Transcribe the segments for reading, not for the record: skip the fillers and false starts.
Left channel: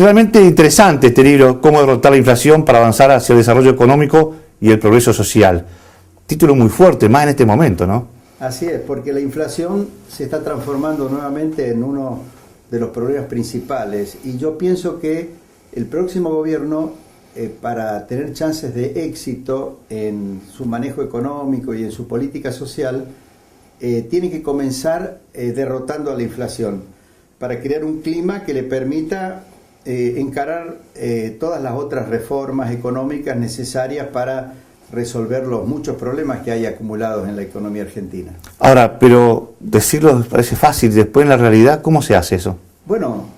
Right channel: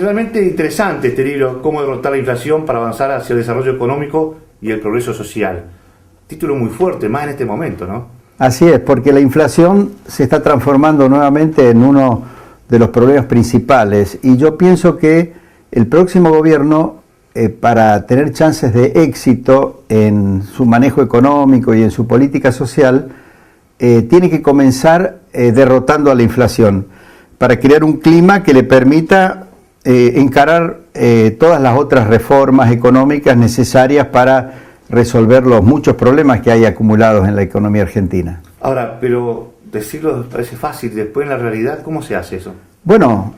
realmente interesante este libro, Cómo derrotar la inflación para avanzar hacia el desarrollo económico y el progreso social. Título muy fuerte, más en este momento, ¿no? Así es, porque la inflación se está transformando nuevamente en uno de los problemas principales, y yo pienso que el próximo gobierno, para tener chances de éxito en su manejo económico y en su política social, tiene que comenzar derrotando a la inflación, para crear un clima que le permita encarar todas las otras reformas económicas necesarias para resolver los muchos problemas que hay acumulados en la economía argentina. Ahora, pero decirlo parece fácil, después en la realidad, ¿cómo se hace eso? Bueno,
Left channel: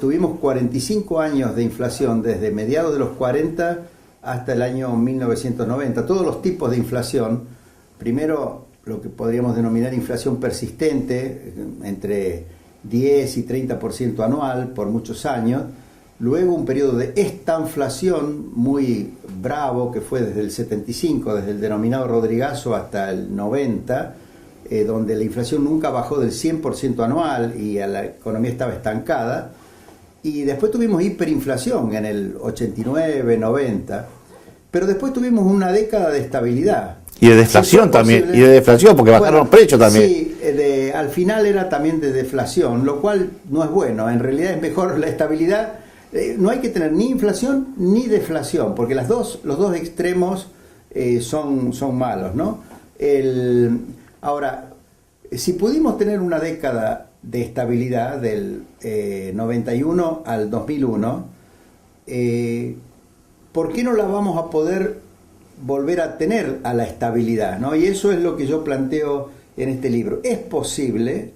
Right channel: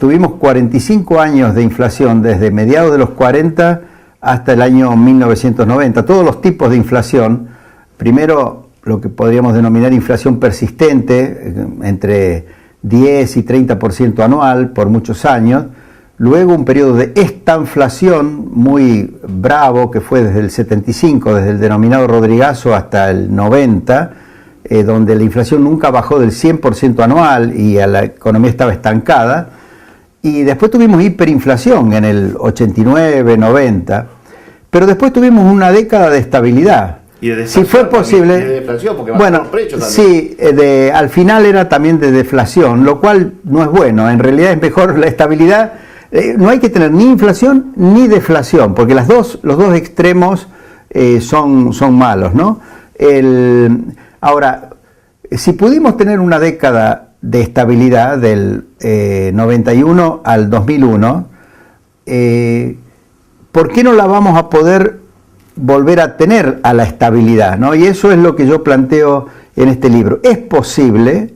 tuvimos 45 años de inflación, desde mediados de los 40 hasta el año 1990, todos los tipos de inflación. Primero, lo que podríamos denominar inflación persistente, entre 10 y 30% anual por muchos años. Luego un periodo de estanflación muy bravo, que fue desde el 75, desde el denominado Rodrigazo hasta el 90, donde la inflación nunca bajó del 100% anual y la economía estaba estancada. Y después tuvimos hiperinflación en el 89, 90, pero después tuvimos una década de estabilidad. Y de deflación también, y de deflación, porque bajaron los precios también. Sí, al final era también de deflación, lo cual no es bueno. En realidad es mejor la estabilidad. No hay que tener ni inflación ni deflación, porque los dos extremos son malos, ¿no? Ahora, si pudimos tener una década de estabilidad del 91 al 2001, ¿por qué no la vamos a poder volver a tener a la estabilidad, ¿no? Y eso es lo que yo planteo en este libro. Es posible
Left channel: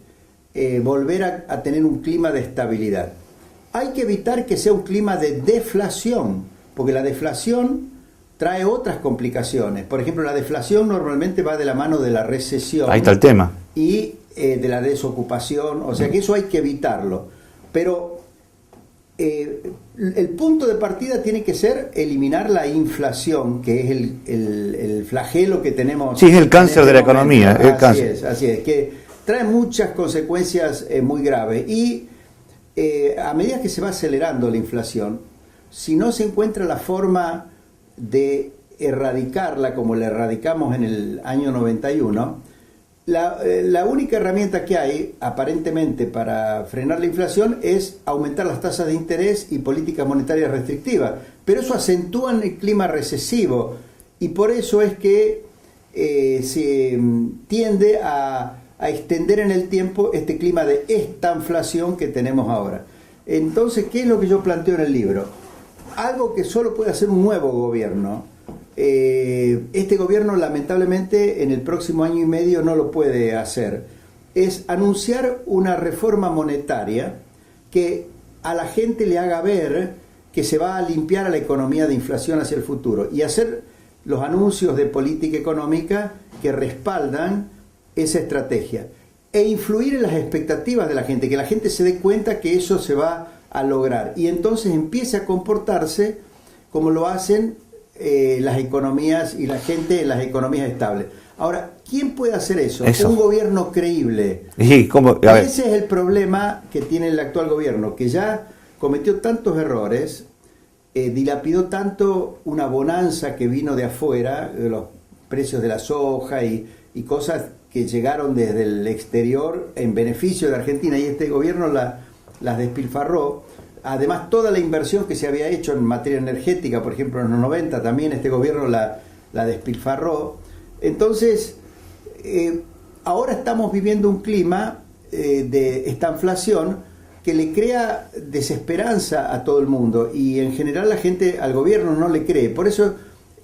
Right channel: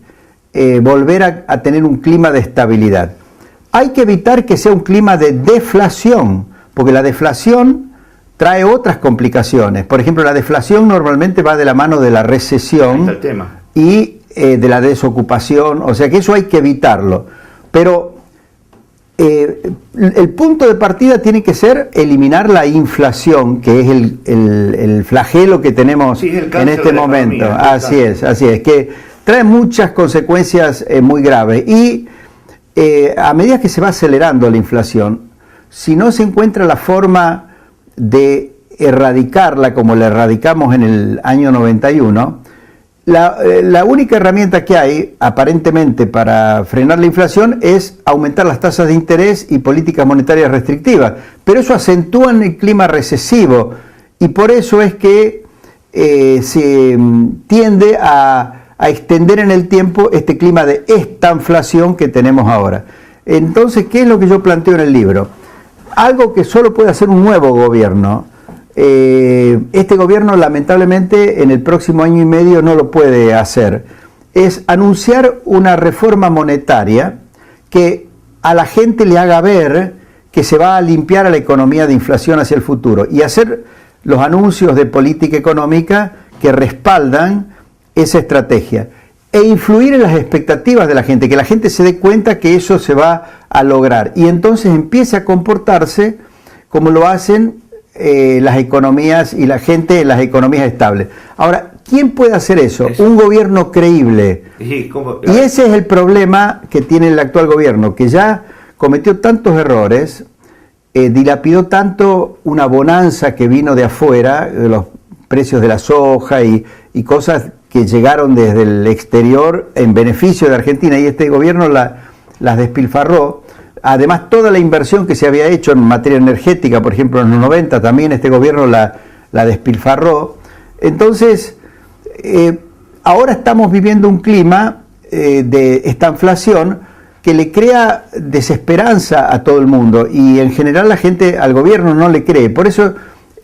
volver a tener un clima de estabilidad. Hay que evitar que sea un clima de deflación, porque la deflación trae otras complicaciones. Por ejemplo, la deflación normalmente va de la mano de la recesión. Ahí está el tema. Y de la desocupación, o sea que eso hay que evitarlo. Pero el punto de partida tiene que ser eliminar la inflación, que es el flagelo que tenemos el en este momento. Así es, que trae muchas consecuencias muy graves. Y a medida que se va acelerando la inflación, si no se encuentra la forma de erradicarla como la erradicamos en el año 91, la única herramienta que hay, aparentemente, para frenar la inflación es aumentar las tasas de interés y políticas monetarias restrictivas. Pero eso acentúa el clima recesivo, y por eso es que se tiende a extender en el tiempo este clima de estanflación que tenemos ahora. Entonces, ¿qué es lo que yo planteo en el libro? Algo que solo puede hacer un nuevo gobierno. Este gobierno, lamentablemente, en el próximo año y medio no lo puede hacer. Es anunciar una reforma monetaria que a la gente le haga ver que se va a limpiar a la economía de inflación hacia el futuro, y hacer los anuncios de política económica que respaldan esa estrategia, e influir en las expectativas de la gente, que la gente se dé cuenta que eso se va a lograr, y entonces empiece a comportarse como lo hacen las economías y la gente en las economías estables. Ahora, ¿quién puede hacer eso? Un gobierno creíble. Sí, y ese es el problema que tiene el actual gobierno, que ya cometió tantos errores, dilapidó tanto una bonanza que vino de afuera, de los precios de la soja y cosas que llegaron desde el exterior en beneficio de Argentina, y este gobierno las despilfarró. Además, toda la inversión que se había hecho en materia energética, por ejemplo en los 90, también este gobierno la despilfarró. Entonces, ahora estamos viviendo un clima de estanflación que le crea desesperanza a todo el mundo, y en general la gente al gobierno no le cree. Por eso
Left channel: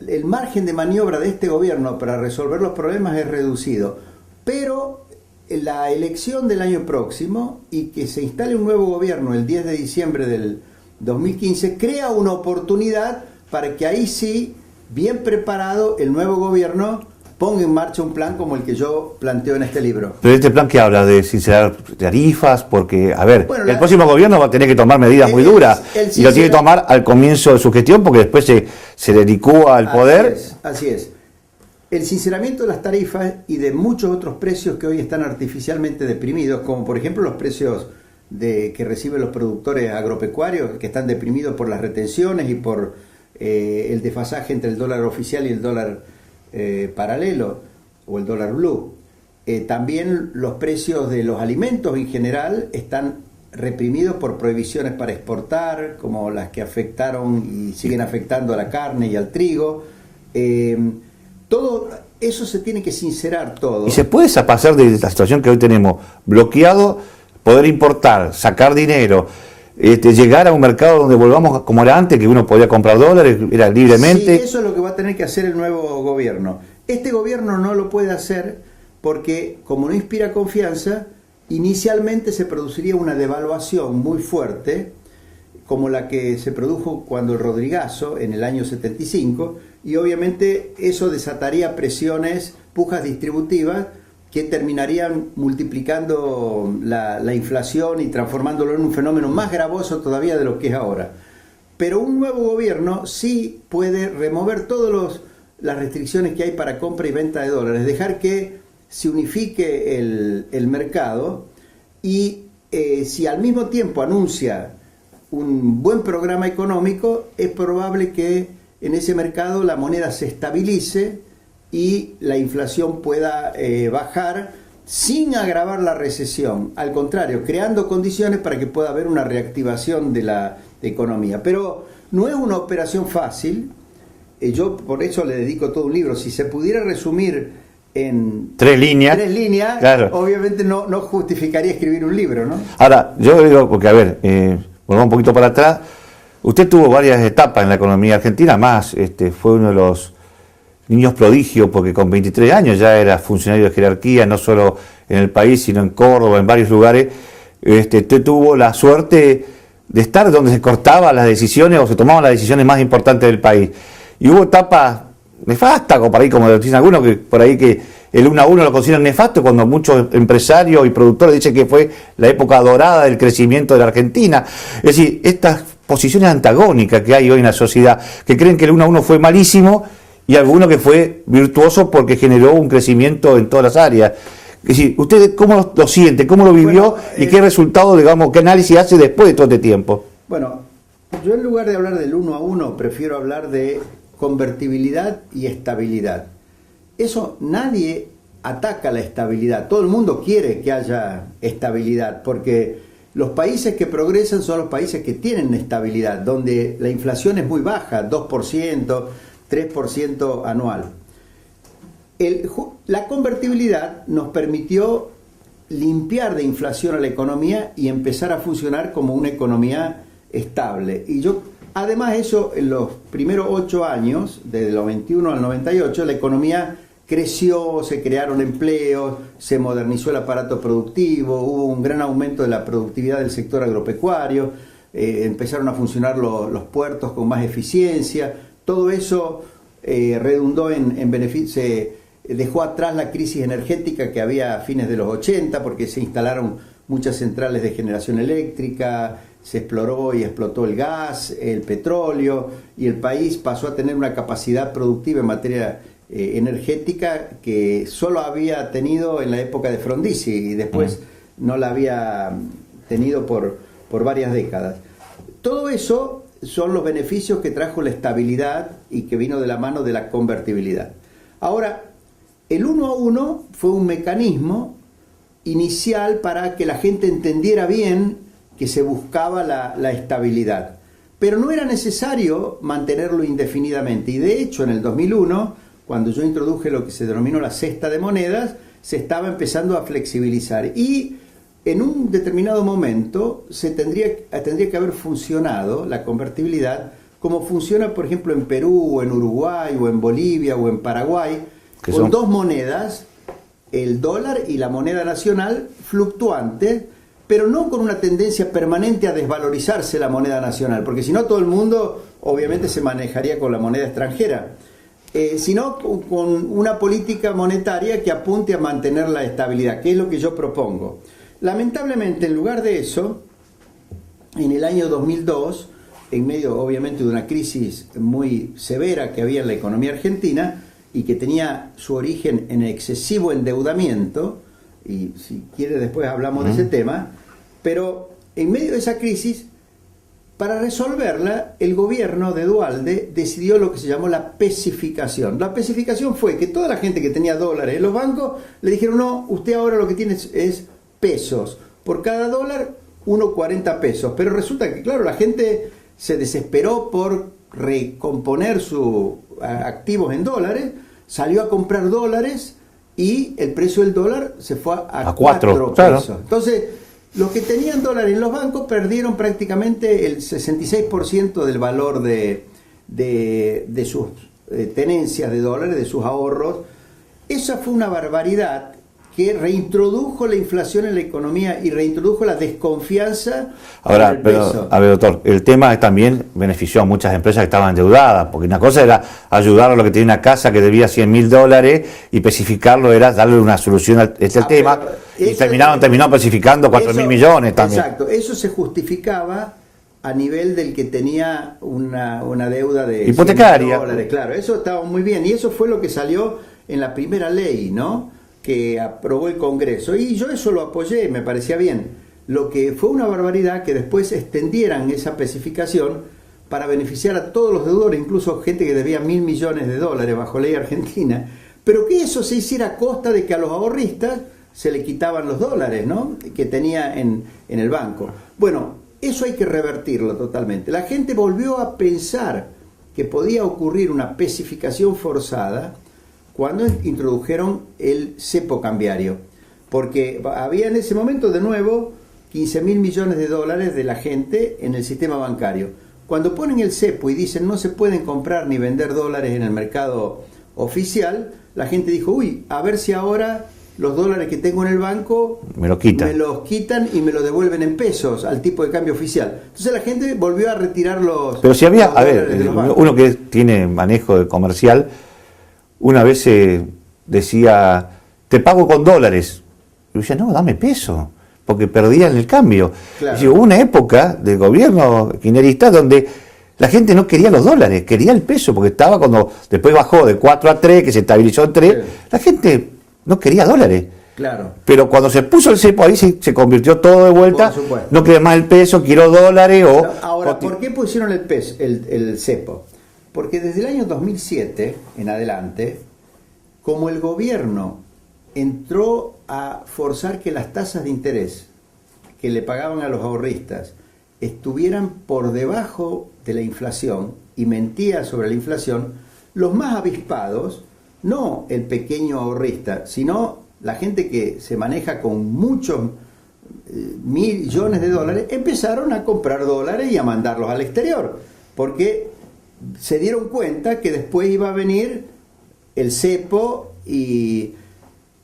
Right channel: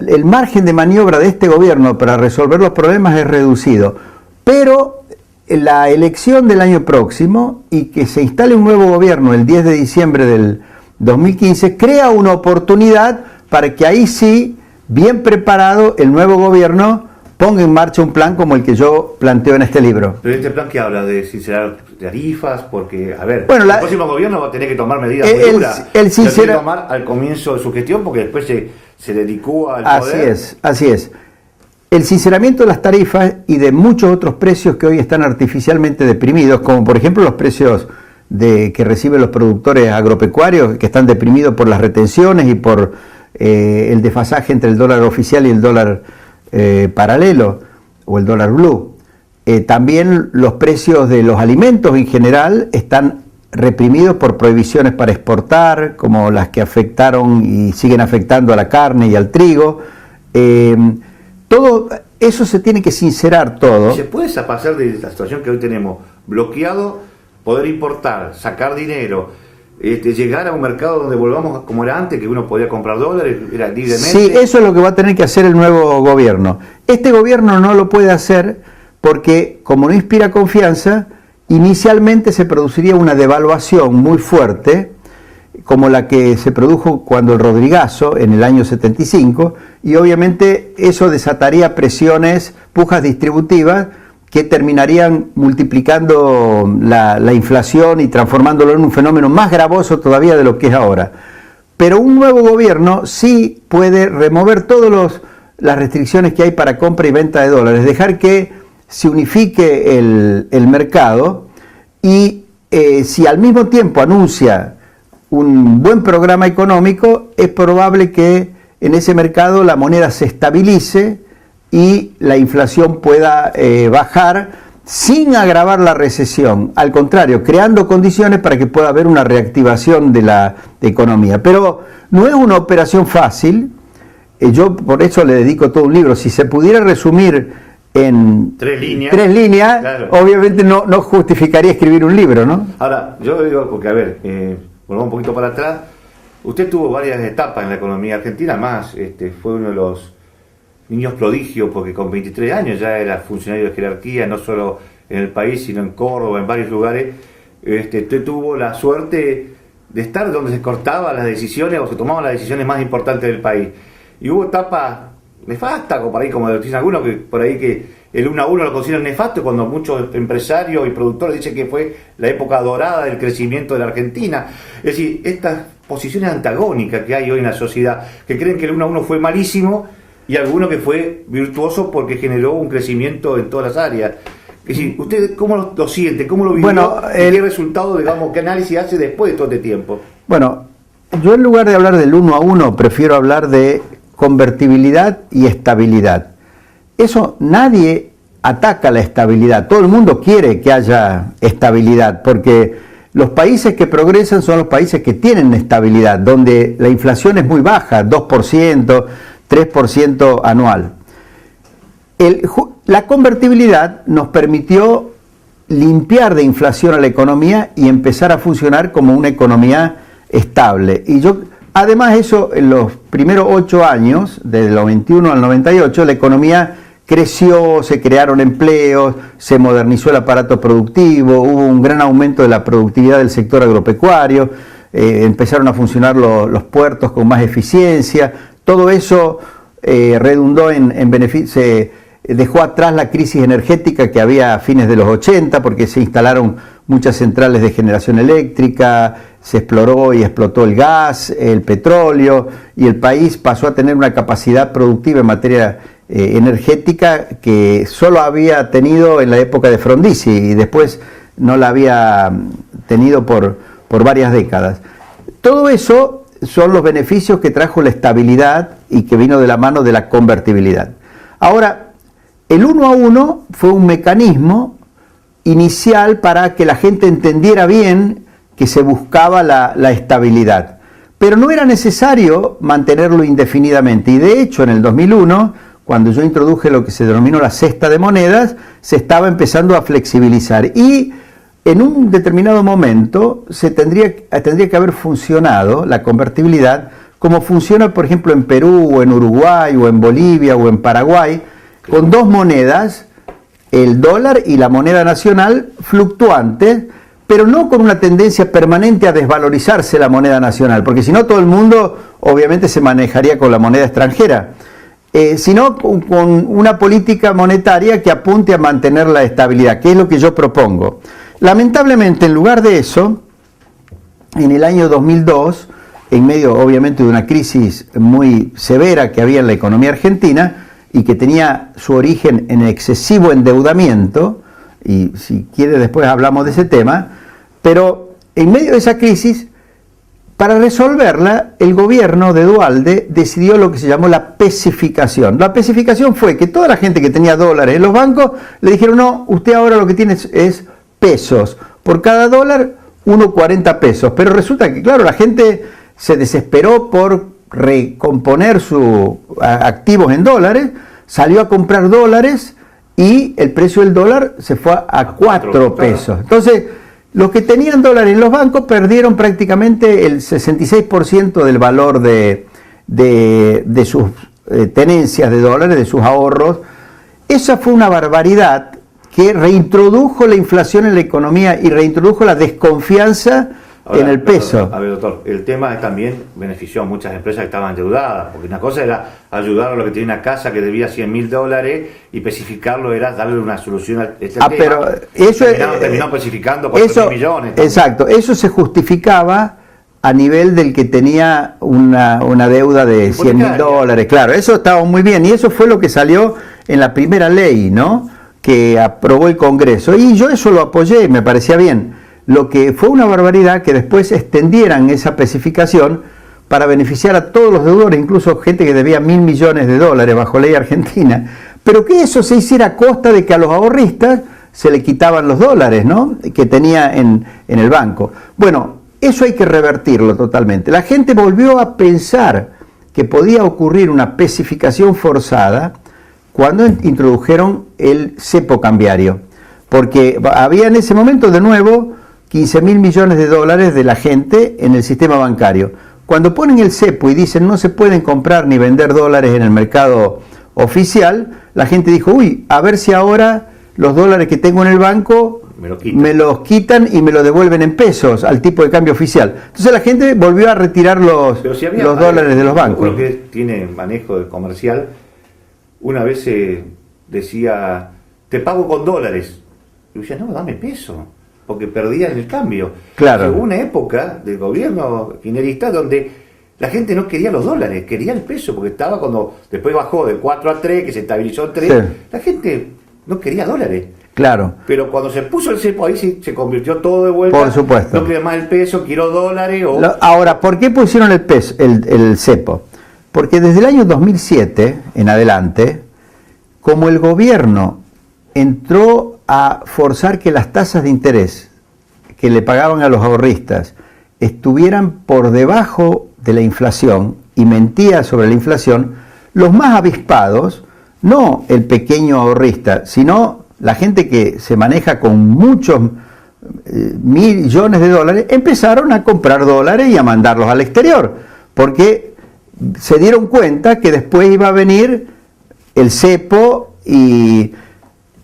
el margen de maniobra de este gobierno para resolver los problemas es reducido. Pero la elección del año próximo, y que se instale un nuevo gobierno el 10 de diciembre del 2015, crea una oportunidad para que ahí sí, bien preparado, el nuevo gobierno ponga en marcha un plan como el que yo planteo en este libro. Pero este plan que habla de sincerar tarifas, porque, a ver, bueno, el próximo gobierno va a tener que tomar medidas muy duras. Lo tiene que tomar al comienzo de su gestión, porque después se dedicó al poder. Así es. El sinceramiento de las tarifas y de muchos otros precios que hoy están artificialmente deprimidos, como por ejemplo los precios que reciben los productores agropecuarios, que están deprimidos por las retenciones y por el desfasaje entre el dólar oficial y el dólar paralelo o el dólar blue. También los precios de los alimentos en general están reprimidos por prohibiciones para exportar, como las que afectaron y siguen afectando a la carne y al trigo. Todo eso se tiene que sincerar todo. ¿Se puede pasar de la situación que hoy tenemos, bloqueado, poder importar, sacar dinero, llegar a un mercado donde volvamos como era antes, que uno podía comprar dólares, era libremente? Sí, eso es lo que va a tener que hacer el nuevo gobierno. Este gobierno no lo puede hacer porque, como no inspira confianza, inicialmente se produciría una devaluación muy fuerte, como la que se produjo cuando el Rodrigazo, en el año 75, y obviamente eso desataría presiones, pujas distributivas, que terminarían multiplicando la inflación y transformándolo en un fenómeno más gravoso todavía de lo que es ahora. Pero un nuevo gobierno sí puede remover todas las restricciones que hay para compra y venta de dólares, dejar que se unifique el mercado y si al mismo tiempo anuncia un buen programa económico, es probable que en ese mercado la moneda se estabilice y la inflación pueda bajar sin agravar la recesión, al contrario, creando condiciones para que pueda haber una reactivación de la economía. Pero no es una operación fácil, yo por eso le dedico todo un libro. Si se pudiera resumir en tres líneas, claro, obviamente no justificaría escribir un libro, ¿no? Ahora, yo digo, porque a ver, volvamos un poquito para atrás, usted tuvo varias etapas en la economía argentina, más fue uno de los niños prodigios, porque con 23 años ya era funcionario de jerarquía, no solo en el país, sino en Córdoba, en varios lugares. Usted tuvo la suerte de estar donde se cortaban las decisiones o se tomaban las decisiones más importantes del país. Y hubo etapas nefastas, como por ahí, como dicen algunos, que por ahí que el 1 a 1 lo consideran nefasto, cuando muchos empresarios y productores dicen que fue la época dorada del crecimiento de la Argentina. Es decir, estas posiciones antagónicas que hay hoy en la sociedad, que creen que el 1 a 1 fue malísimo, y alguno que fue virtuoso porque generó un crecimiento en todas las áreas. Es decir, ¿usted cómo lo siente? ¿Cómo lo vivió? Bueno, ¿y qué resultado, digamos, qué análisis hace después de todo este tiempo? Bueno, yo en lugar de hablar del 1 a 1, prefiero hablar de convertibilidad y estabilidad. Eso, nadie ataca la estabilidad. Todo el mundo quiere que haya estabilidad, porque los países que progresan son los países que tienen estabilidad, donde la inflación es muy baja, 2%, 3% anual. La convertibilidad nos permitió limpiar de inflación a la economía y empezar a funcionar como una economía estable. Y además eso, en los primeros 8 años, desde los 21 al 98, la economía creció, se crearon empleos, se modernizó el aparato productivo, hubo un gran aumento de la productividad del sector agropecuario, empezaron a funcionar los puertos con más eficiencia. Todo eso redundó en beneficio, se dejó atrás la crisis energética que había a fines de los 80, porque se instalaron muchas centrales de generación eléctrica, se exploró y explotó el gas, el petróleo, y el país pasó a tener una capacidad productiva en materia energética que solo había tenido en la época de Frondizi y después no la había tenido por varias décadas. Todo eso son los beneficios que trajo la estabilidad y que vino de la mano de la convertibilidad. Ahora, el 1 a 1 fue un mecanismo inicial para que la gente entendiera bien que se buscaba la estabilidad. Pero no era necesario mantenerlo indefinidamente. Y de hecho, en el 2001, cuando yo introduje lo que se denominó la cesta de monedas, se estaba empezando a flexibilizar. Y en un determinado momento tendría que haber funcionado la convertibilidad como funciona, por ejemplo, en Perú, o en Uruguay, o en Bolivia, o en Paraguay, con dos monedas, el dólar y la moneda nacional, fluctuantes, pero no con una tendencia permanente a desvalorizarse la moneda nacional, porque si no todo el mundo obviamente se manejaría con la moneda extranjera, sino con una política monetaria que apunte a mantener la estabilidad, que es lo que yo propongo. Lamentablemente, en lugar de eso, en el año 2002, en medio obviamente de una crisis muy severa que había en la economía argentina y que tenía su origen en excesivo endeudamiento, y si quiere después hablamos de ese tema, pero en medio de esa crisis, para resolverla, el gobierno de Duhalde decidió lo que se llamó la pesificación. La pesificación fue que toda la gente que tenía dólares en los bancos le dijeron, no, usted ahora lo que tiene es pesos. Por cada dólar, 1,40 pesos. Pero resulta que, claro, la gente se desesperó por recomponer sus activos en dólares, salió a comprar dólares y el precio del dólar se fue a 4 pesos. Claro. Entonces, los que tenían dólares en los bancos perdieron prácticamente el 66% del valor de sus tenencias de dólares, de sus ahorros. Esa fue una barbaridad que reintrodujo la inflación en la economía y reintrodujo la desconfianza en el peso. A ver, doctor, el tema también benefició a muchas empresas que estaban endeudadas, porque una cosa era ayudar a los que tenía una casa que debía $100.000 y especificarlo era darle una solución a este tema. Eso terminó especificando 4.000 millones. También. Exacto, eso se justificaba a nivel del que tenía una deuda de $100.000. Claro, eso estaba muy bien y eso fue lo que salió en la primera ley, ¿no?, que aprobó el Congreso, y yo eso lo apoyé, me parecía bien. Lo que fue una barbaridad que después extendieran esa especificación para beneficiar a todos los deudores, incluso gente que debía $1.000 millones bajo ley argentina, pero que eso se hiciera a costa de que a los ahorristas se le quitaban los dólares, ¿no?, que tenía en el banco. Bueno, eso hay que revertirlo totalmente. La gente volvió a pensar que podía ocurrir una especificación forzada cuando introdujeron el cepo cambiario, porque había en ese momento de nuevo $15.000 millones de la gente en el sistema bancario. Cuando ponen el cepo y dicen no se pueden comprar ni vender dólares en el mercado oficial, la gente dijo, uy, a ver si ahora los dólares que tengo en el banco me los quitan y me los devuelven en pesos al tipo de cambio oficial. Entonces la gente volvió a retirar los dólares de los bancos. Uno que tiene manejo de comercial, una vez decía, te pago con dólares. Y yo decía, no, dame peso, porque perdían el cambio. Claro. Hubo una época del gobierno kirchnerista donde la gente no quería los dólares, quería el peso, porque estaba cuando después bajó de 4 a 3, que se estabilizó en 3, sí. La gente no quería dólares. Claro. Pero cuando se puso el cepo ahí se convirtió todo de vuelta. Por supuesto. No quiero más el peso, quiero dólares. Ahora, ¿por qué pusieron el cepo? Porque desde el año 2007 en adelante, como el gobierno entró a forzar que las tasas de interés que le pagaban a los ahorristas estuvieran por debajo de la inflación y mentía sobre la inflación, los más avispados, no el pequeño ahorrista, sino la gente que se maneja con muchos millones de dólares, empezaron a comprar dólares y a mandarlos al exterior, porque se dieron cuenta que después iba a venir el cepo y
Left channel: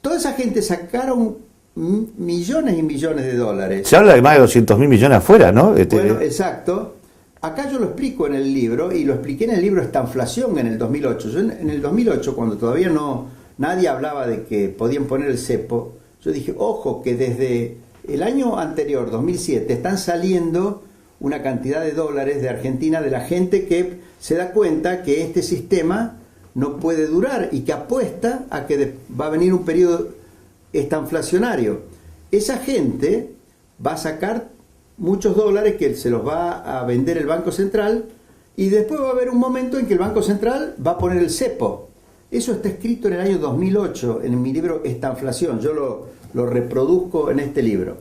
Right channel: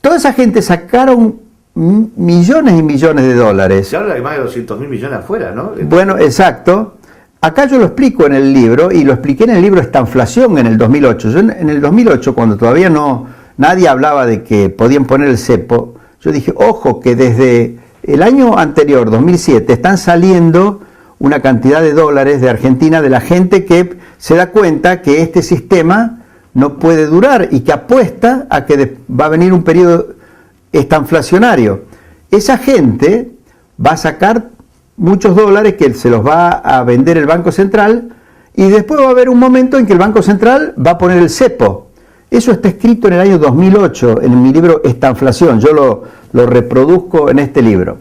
toda esa gente sacaron millones y millones de dólares. Se habla de más de 200.000 millones afuera, ¿no? Bueno, exacto. Acá yo lo explico en el libro, y lo expliqué en el libro Estanflación en el 2008. Yo en el 2008, cuando todavía nadie hablaba de que podían poner el cepo, yo dije, ojo, que desde el año anterior, 2007, están saliendo una cantidad de dólares de Argentina de la gente que se da cuenta que este sistema no puede durar y que apuesta a que va a venir un periodo estanflacionario. Esa gente va a sacar muchos dólares que se los va a vender el Banco Central y después va a haber un momento en que el Banco Central va a poner el cepo. Eso está escrito en el año 2008 en mi libro Estanflación. Yo lo reproduzco en este libro.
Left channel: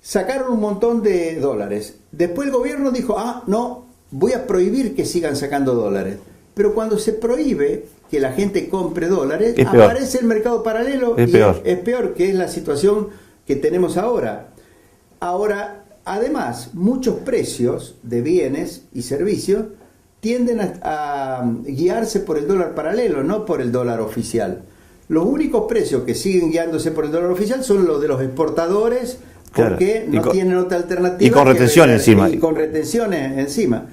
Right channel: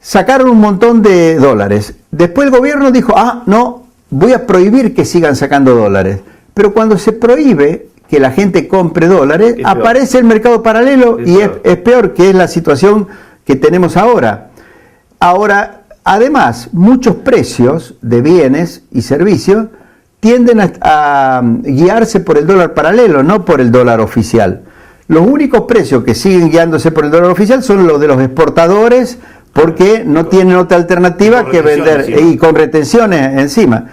Sacaron un montón de dólares. Después el gobierno dijo, no, voy a prohibir que sigan sacando dólares. Pero cuando se prohíbe que la gente compre dólares, aparece el mercado paralelo y es peor, que es la situación que tenemos ahora. Ahora, además, muchos precios de bienes y servicios tienden a guiarse por el dólar paralelo, no por el dólar oficial. Los únicos precios que siguen guiándose por el dólar oficial son los de los exportadores, porque no tienen otra alternativa que vender y con retenciones encima.